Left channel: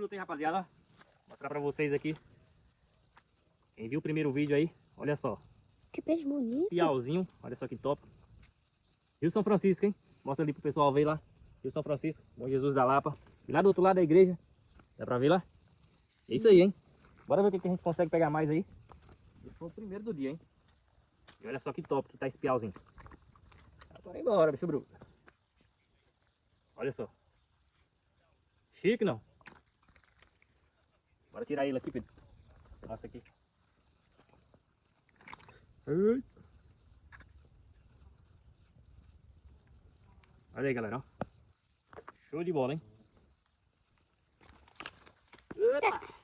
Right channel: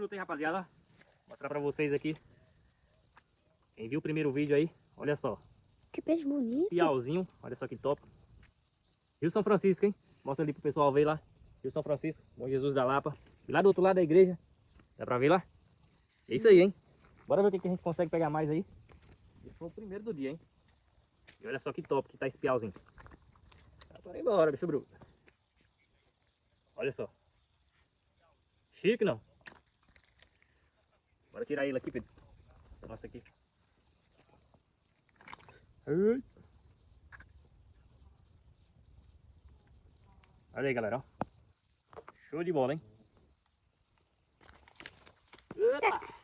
bruto, hein, rapaziada? Vou mostrar pra vocês aqui. Quem viu o primeiro vídeo aí, olha só. Que peixe bonito. Piauzinho, olha só que top. Rio São Francisco, hein? Mostra ali pro pessoal ver lá. Rio São Francisco, Bom Jesus da Lapa. E lá do outro lado da igreja. Dá pra ver lá? É isso aí, hein? Bora ver o que a gente consegue pegar mais aí. Esse foi o primeiro do dia, hein? E olha só que top que tá esse piauzinho. Bora embora, bicho bruto. Olha só. Chique, não? Bora tirar ele aqui, Pedro. Mostra aqui. Ai. Olha aí, galera, ó. Show de bola, hein? Eita!